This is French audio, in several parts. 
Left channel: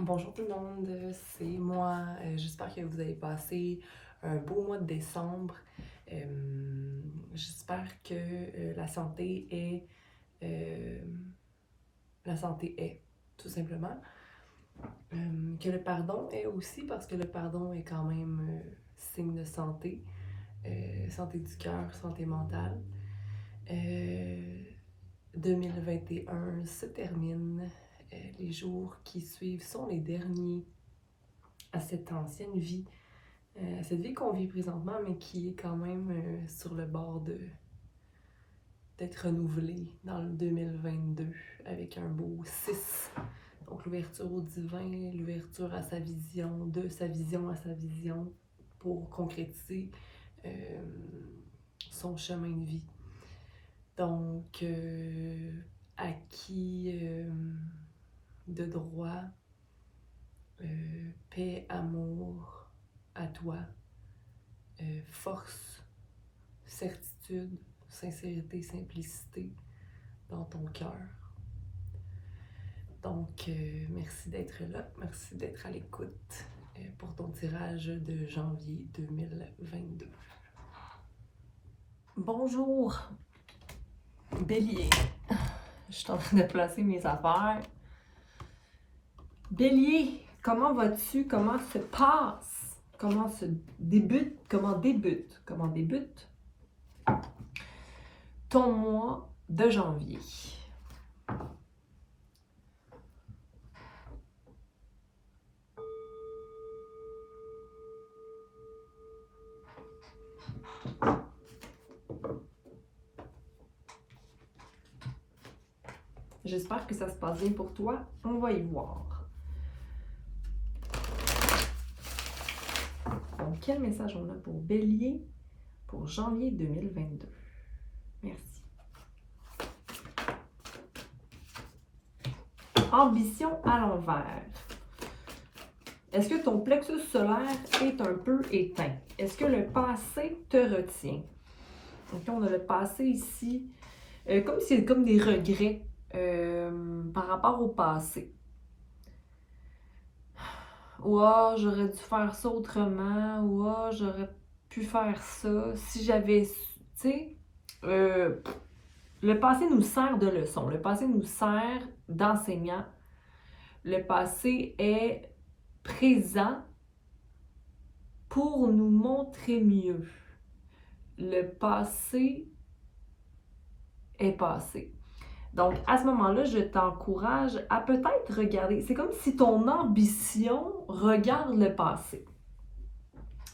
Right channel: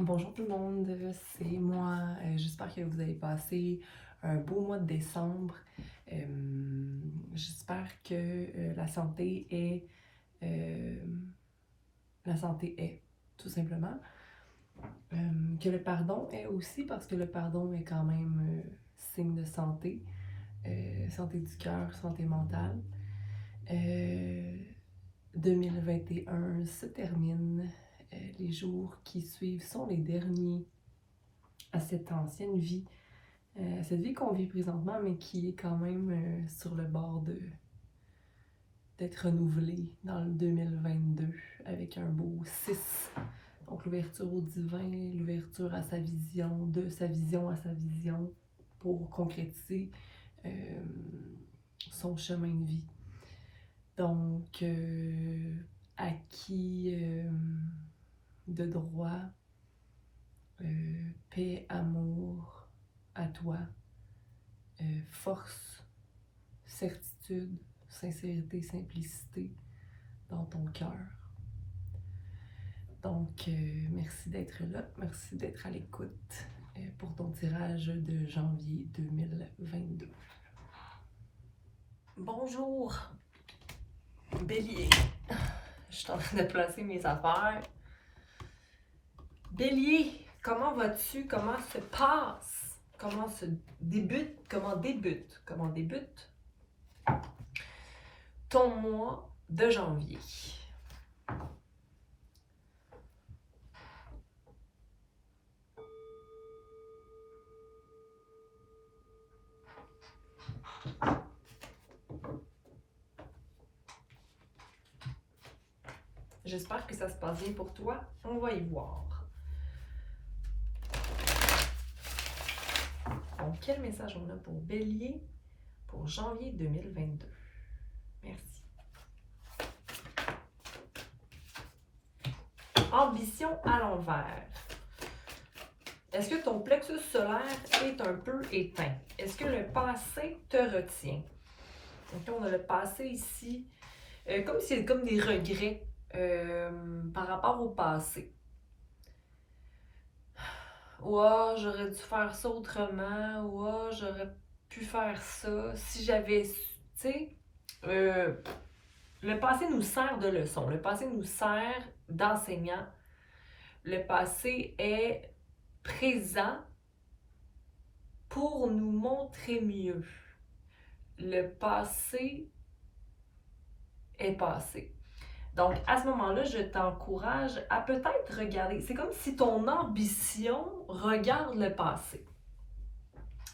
Bonjour tout le monde, c'est moi. J'espère que vous avez passé un beau mois de décembre. J'espère que euh, la santé est, tout simplement. Que le pardon est aussi, parce que le pardon est quand même signe de santé. Santé du cœur, santé mentale. Euh, 2021 se termine. Les jours qui suivent sont les derniers à cette ancienne vie, cette vie qu'on vit présentement, mais qui est quand même sur le bord d'être renouvelée dans le 2022 avec un beau 6. Donc l'ouverture au divin, l'ouverture à sa vision, de sa vision à sa vision pour concrétiser euh, son chemin de vie. Donc, acquis de droit, paix, amour à toi, force, certitude, sincérité, simplicité dans ton cœur. Donc, merci d'être là, merci d'être à l'écoute pour ton tirage de janvier 2022. Bonjour, Bélier. Je suis en train de placer mes affaires. Bélier, comment vas-tu? Comment se passe? Comment débute ton mois de janvier? J'espère que ça se passe bien pour toi. On va y voir. Donc, quel message on a pour Bélier pour janvier 2022? Merci. Ambition à l'envers. Est-ce que ton plexus solaire est un peu éteint? Est-ce que le passé te retient? Donc, on a le passé ici, comme si c'est comme des regrets par rapport au passé. Ouais, j'aurais dû faire ça autrement. Ouais, j'aurais pu faire ça. Si j'avais su, tu sais, le passé nous sert de leçon. Le passé nous sert d'enseignant. Le passé est présent pour nous montrer mieux. Le passé est passé. Donc, à ce moment-là, je t'encourage à peut-être regarder. C'est comme si ton ambition regarde le passé.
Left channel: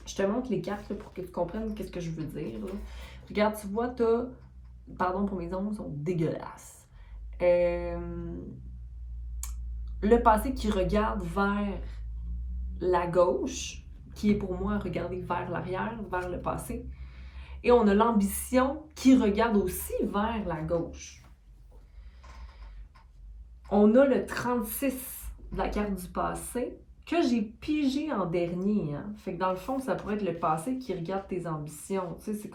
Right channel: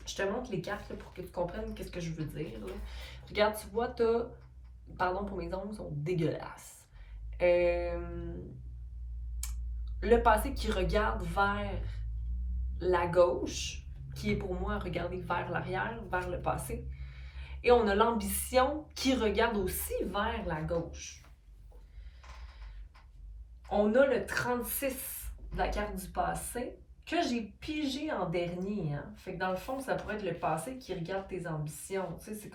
Je te montre les cartes là, pour que tu comprennes ce que je veux dire. Là. Regarde, tu vois, pardon pour mes ongles, sont dégueulasses. Le passé qui regarde vers la gauche, qui est pour moi regarder vers l'arrière, vers le passé. Et on a l'ambition qui regarde aussi vers la gauche. On a le 36 de la carte du passé que j'ai pigé en dernier. Hein? Fait que dans le fond, ça pourrait être le passé qui regarde tes ambitions. Tu sais,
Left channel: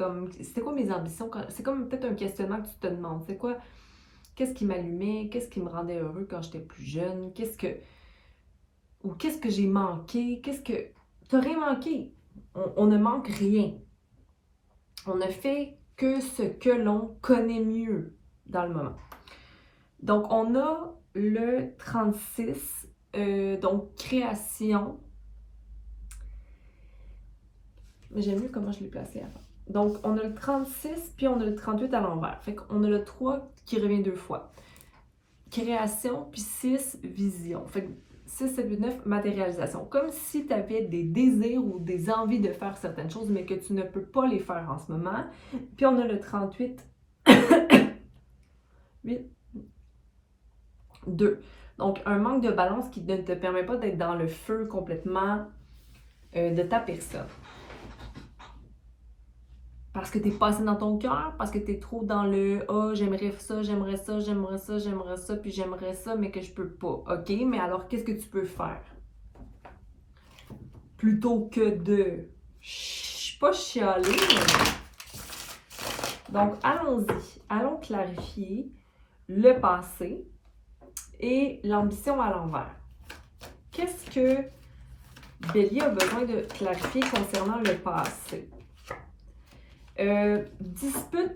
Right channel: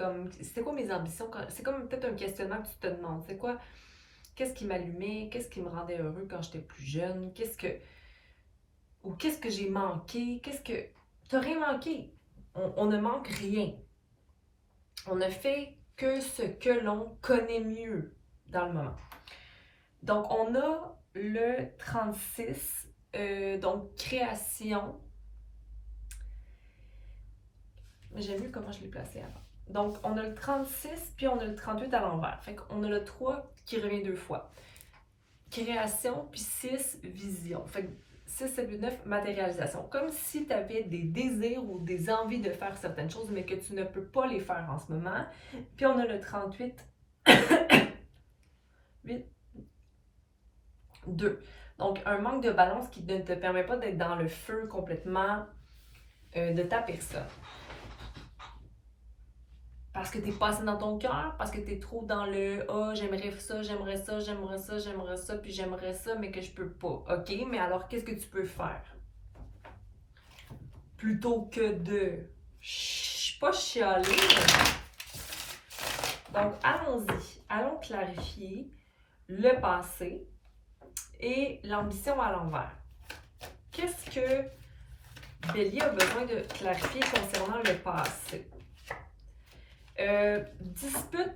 c'était quoi mes ambitions? C'est comme peut-être un questionnement que tu te demandes. C'est quoi? Qu'est-ce qui m'allumait? Qu'est-ce qui me rendait heureux quand j'étais plus jeune? Qu'est-ce que j'ai manqué? T'as rien manqué. On ne manque rien. On ne fait que ce que l'on connaît mieux dans le moment. Donc, on a le 36, donc création. Mais j'aime mieux comment je l'ai placé avant. Donc, on a le 36, puis on a le 38 à l'envers. Fait qu'on a le 3 qui revient 2 fois. Création, puis 6, vision. Fait que 6, 7, 8, 9, matérialisation. Comme si tu avais des désirs ou des envies de faire certaines choses, mais que tu ne peux pas les faire en ce moment. Puis on a le 38, 8, 2. Donc, un manque de balance qui ne te permet pas d'être dans le feu complètement de ta personne. Parce que tu es passé dans ton cœur, parce que tu es trop dans le « Ah, j'aimerais ça, j'aimerais ça, j'aimerais ça, j'aimerais ça, puis j'aimerais ça, mais que je peux pas. » OK, mais alors qu'est-ce que tu peux faire? Plutôt que de pas chialer. Donc, allons-y. Allons clarifier le passé et l'ambition à l'envers. qu'est-ce que Bélier a besoin de clarifier concernant le passé? Dispute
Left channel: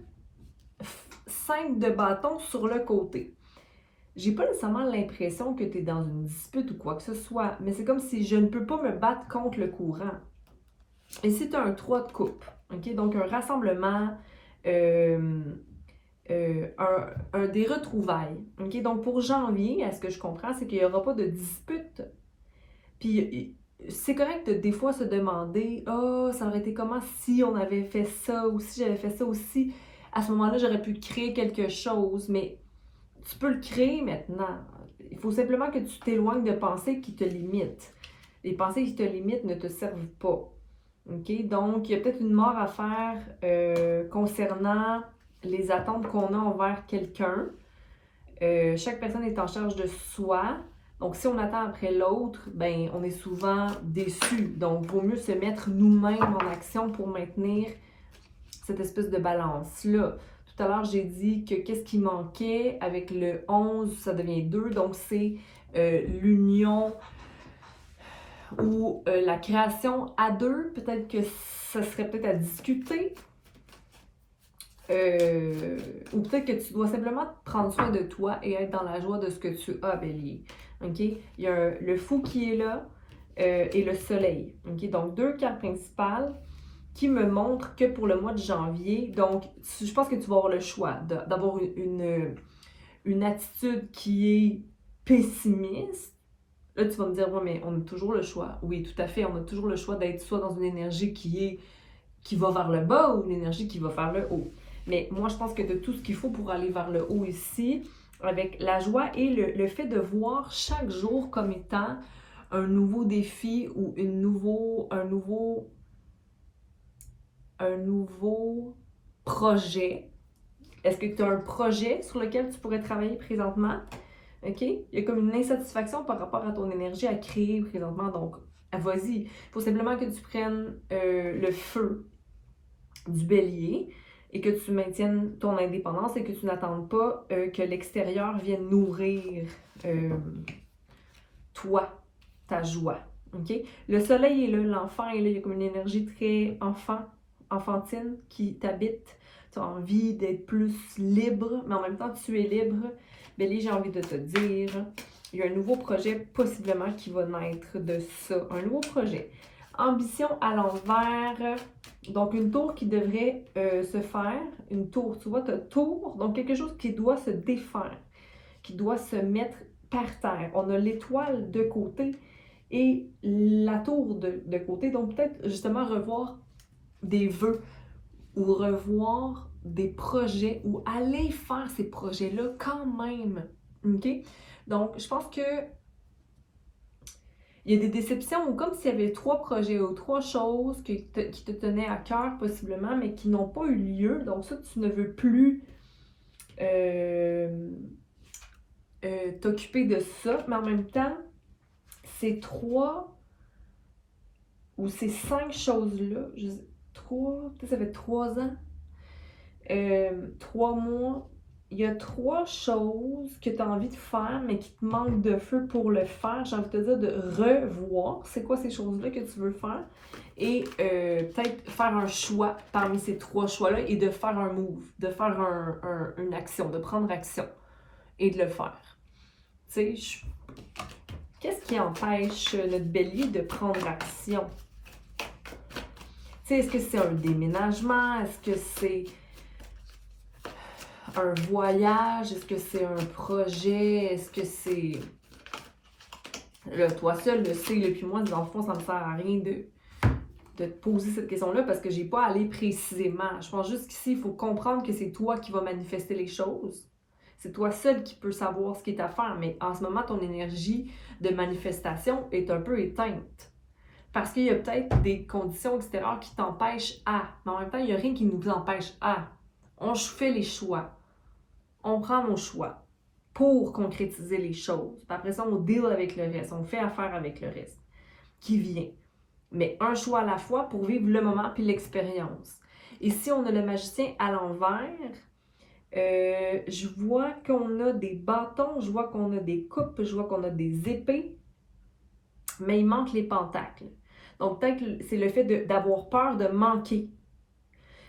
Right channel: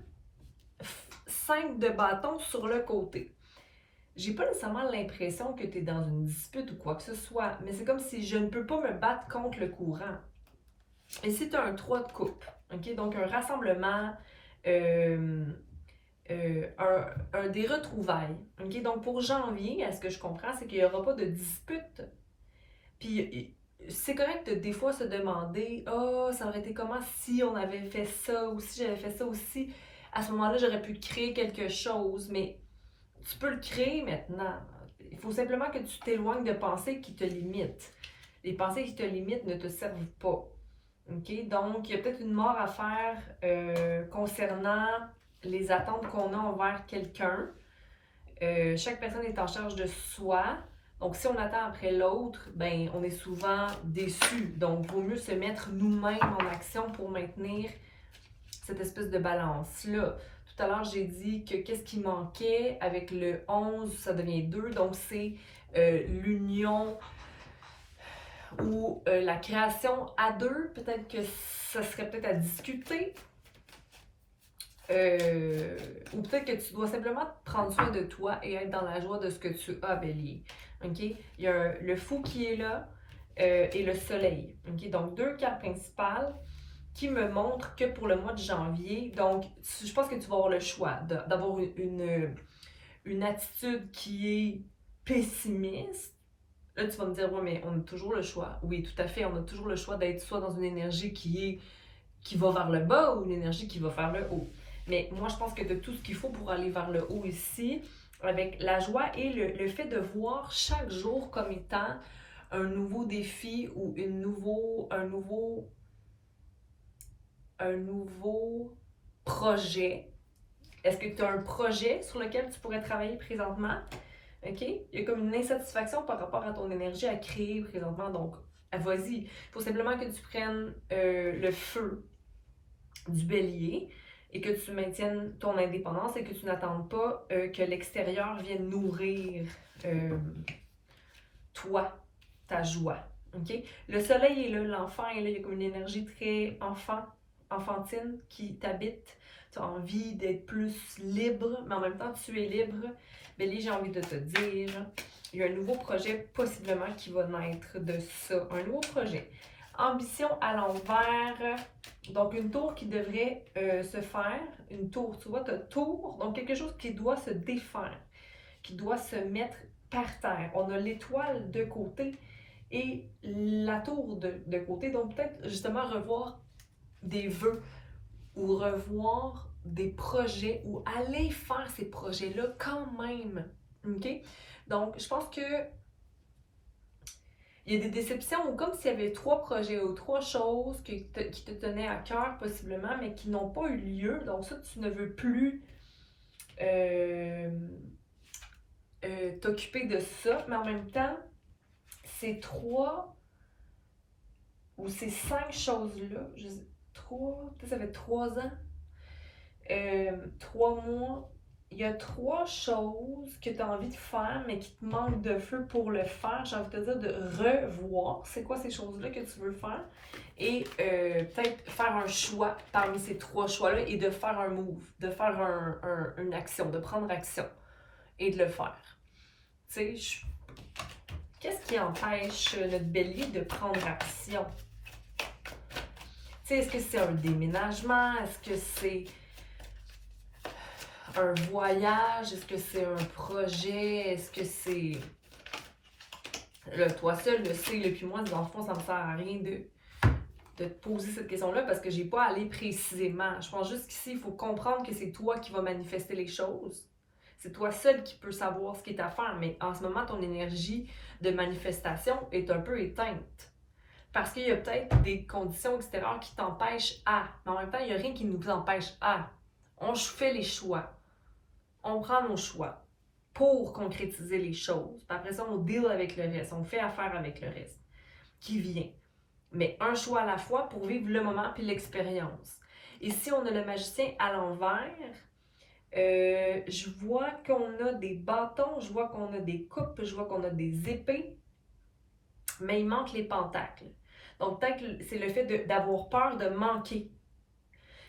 5 de bâton sur le côté. J'ai pas nécessairement l'impression que tu es dans une dispute ou quoi que ce soit, mais c'est comme si je ne peux pas me battre contre le courant. Ici, tu as un 3 de coupe, ok? Donc un rassemblement, des retrouvailles. Ok? Donc pour janvier, à ce que je comprends, c'est qu'il n'y aura pas de dispute. Puis c'est correct de des fois se demander oh, ça aurait été comment si on avait fait ça, ou si j'avais fait ça, ou si à ce moment-là j'aurais pu créer quelque chose, mais tu peux le créer maintenant. Il faut simplement que tu t'éloignes de pensées qui te limitent. Les pensées qui te limitent ne te servent pas. OK? Donc, il y a peut-être une mort à faire concernant les attentes qu'on a envers quelqu'un. Chaque personne est en charge de soi. Donc, si on attend après l'autre, ben, on est souvent déçu. Donc, il vaut mieux se mettre nous-mêmes en action pour maintenir cette espèce de balance-là. Tout à l'heure, j'ai dit que qu'est-ce qui manquait avec le 11, ça devient 2. Donc, c'est l'union ou la création à 2. Peut-être que ça serait peut-être à discuter. Ou peut-être que tu dois simplement prendre soin de toi et être dans la joie de ce que tu as, Bélier. OK? Il y a le fou qui est là et le soleil. OK? Donc, 2 cartes principales qui me montrent que pour le mois de janvier, donc, je pense que tu vas avoir le choix d'avoir une attitude qui est pessimiste. Là, tu vas me dire, ouais, mais on a toujours le choix. Oui, tout à fait, on a toujours le choix d'être soit dans une énergie qui va vers le bas ou une énergie qui va vers le haut. Mais moi, je pense que de tout ce qu'il faut pour aller vers le haut ici, avec la joie et le fait de voir chaque jour comme étant un nouveau défi ou un nouveau projet. Est-ce que tu as un projet sur lequel tu pourrais travailler présentement? OK? Il y a comme une insatisfaction par rapport à ton énergie à créer présentement. Donc, vas-y. Il faut simplement que tu prennes le feu du bélier et que tu maintiennes ton indépendance et que tu n'attendes pas que l'extérieur vienne nourrir toi, ta joie. Okay? Le soleil est là, l'enfant est là, il y a comme une énergie très enfantine qui t'habite. Tu as envie d'être plus libre, mais en même temps tu es libre. Bélier, j'ai envie de te dire, il y a un nouveau projet possiblement qui va naître de ça. Un nouveau projet. Ambition à l'envers. Donc, une tour qui devrait se faire. Une tour, tu vois, tu as tour. Donc, quelque chose qui doit se défaire, qui doit se mettre par terre. On a l'étoile de côté et la tour de côté. Donc, peut-être justement revoir des vœux ou revoir des projets ou aller faire ces projets-là quand même. OK? Donc, je pense que il y a des déceptions ou comme s'il y avait 3 projets ou 3 choses qui te tenaient à cœur possiblement, mais qui n'ont pas eu lieu. Donc ça, tu ne veux plus t'occuper de ça. Mais en même temps, ces 3 ou ces 5 choses-là, 3, peut-être ça fait 3 ans, 3 mois, il y a 3 choses que tu as envie de faire, mais qui te manquent de feu pour le faire. J'ai envie de te dire de revoir c'est quoi ces choses-là que tu veux faire et peut-être faire un choix parmi ces 3 choix-là et de faire un move, de faire une action, de prendre action et de le faire. Tu sais, qu'est-ce qui empêche notre bélier de prendre action? Tu sais, est-ce que c'est un déménagement? Est-ce que c'est un voyage? Est-ce que c'est un projet? Est-ce que c'est... Là, toi seul le sais, puis moi, dans le fond, ça me sert à rien de te poser cette question-là parce que j'ai pas allé précisément. Je pense juste qu'ici, il faut comprendre que c'est toi qui vas manifester les choses. C'est toi seul qui peux savoir ce qui est à faire, mais en ce moment, ton énergie de manifestation est un peu éteinte. Parce qu'il y a peut-être des conditions extérieures qui t'empêchent à. Mais en même temps, il n'y a rien qui nous empêche à. On fait les choix. On prend nos choix pour concrétiser les choses. Puis après ça, on deal avec le reste. On fait affaire avec le reste qui vient. Mais un choix à la fois pour vivre le moment puis l'expérience. Et si on a le magicien à l'envers, je vois qu'on a des bâtons, je vois qu'on a des coupes, je vois qu'on a des épées. mais il manque les pentacles. Donc, peut-être c'est le fait d'avoir peur de manquer.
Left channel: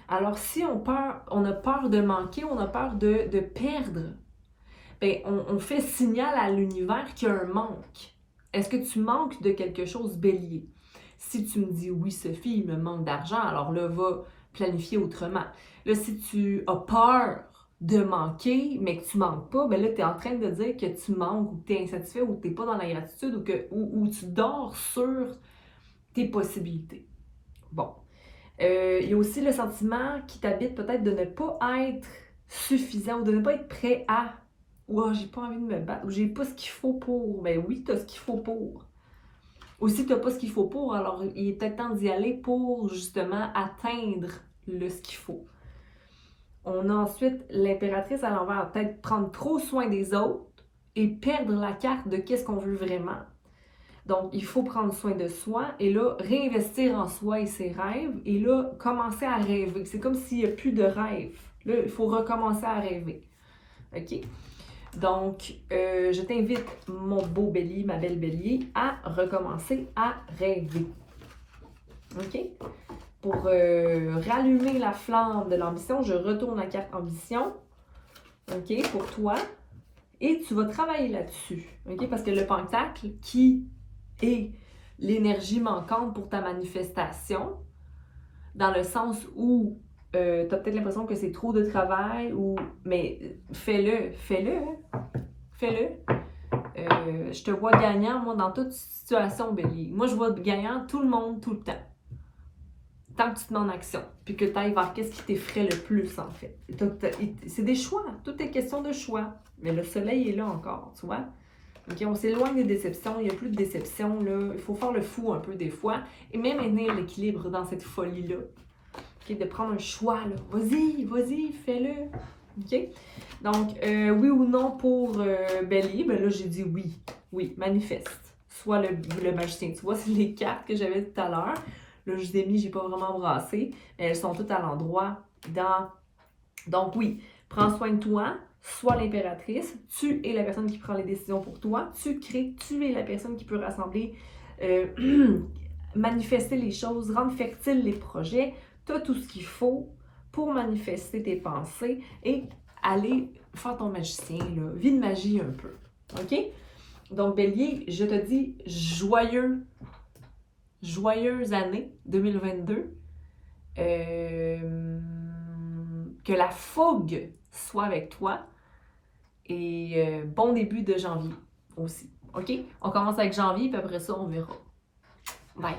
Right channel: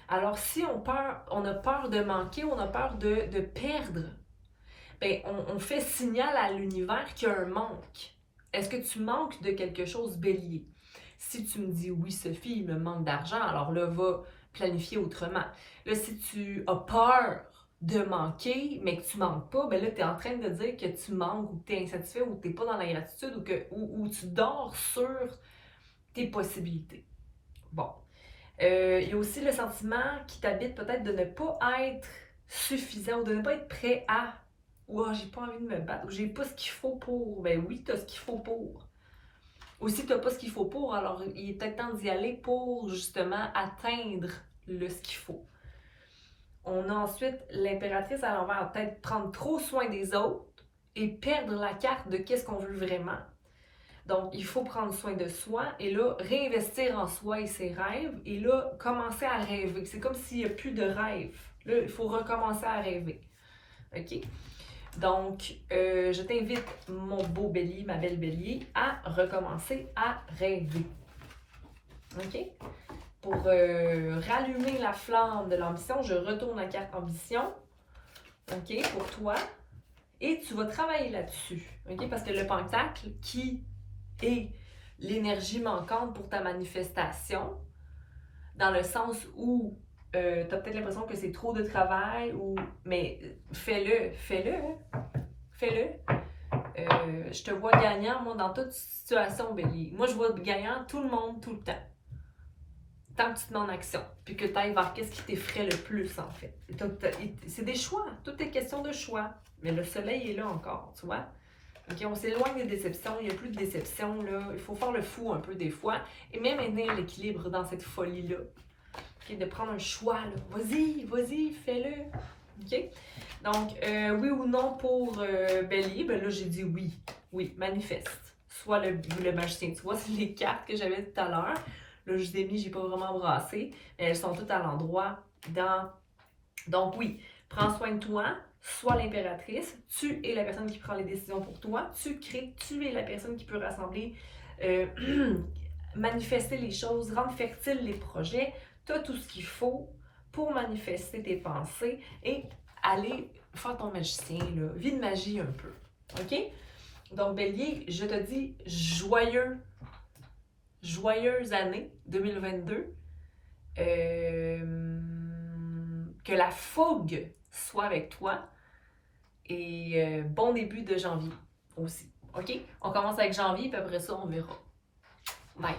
Alors, si on a peur de manquer, on a peur de perdre, bien, on fait signal à l'univers qu'il y a un manque. Est-ce que tu manques de quelque chose, Bélier? Si tu me dis oui, Sophie, il me manque d'argent, alors là, va planifier autrement. Là, si tu as peur de manquer, mais que tu manques pas, ben là, tu es en train de dire que tu manques ou que tu es insatisfait ou que tu n'es pas dans la gratitude ou tu dors sur tes possibilités. Bon. Il y a aussi le sentiment qui t'habite peut-être de ne pas être suffisant ou de ne pas être prêt à. Ou j'ai pas envie de me battre, ou j'ai pas ce qu'il faut pour. Ben oui, t'as ce qu'il faut pour. Ou si t'as pas ce qu'il faut pour, alors il est peut-être temps d'y aller pour justement atteindre ce qu'il faut. On a ensuite l'impératrice à l'envers, peut-être prendre trop soin des autres et perdre la carte de qu'est-ce qu'on veut vraiment. Donc, il faut prendre soin de soi et là, réinvestir en soi et ses rêves et là, commencer à rêver. C'est comme s'il n'y a plus de rêve. Là, il faut recommencer à rêver. OK? Donc, je t'invite, mon beau bélier, ma belle bélier, à recommencer à rêver. OK? Pour rallumer la flamme de l'ambition, je retourne la carte ambition. OK? Pour toi. Et tu vas travailler là-dessus. OK? Parce que le pentacle qui est l'énergie manquante pour ta manifestation, dans le sens où tu as peut-être l'impression que c'est trop de travail, mais fais-le, fais-le. Je te vois gagnant, moi, dans toute situation, Bélier. Moi, je vois gagnant tout le monde, tout le temps. Tant que tu te mets en action, puis que tu ailles vers qu'est-ce qui t'effraie le plus, en fait. C'est des choix, tout est question de choix. Mais le soleil est là encore, tu vois. Okay, on s'éloigne des déceptions, il n'y a plus de déceptions, là. Il faut faire le fou un peu des fois, et même maintenir l'équilibre dans cette folie-là. Okay, de prendre un choix, là. Vas-y, fais-le. OK? Donc, oui ou non pour Bélier, ben là, j'ai dit oui. Oui, manifeste. Soit le magicien. Tu vois, c'est les cartes que j'avais tout à l'heure. Là, je vous ai mis, j'ai pas vraiment brassé, mais elles sont toutes à l'endroit Donc, oui, prends soin de toi. Sois l'impératrice, tu es la personne qui prend les décisions pour toi, tu crées, tu es la personne qui peut rassembler, manifester les choses, rendre fertiles les projets, tu as tout ce qu'il faut pour manifester tes pensées et aller faire ton magicien, là. Vie de magie un peu, OK? Donc, Bélier, je te dis joyeuse année 2022. Que la fougue soit avec toi. Et bon début de janvier aussi. OK? On commence avec janvier, puis après ça, on verra. Bye!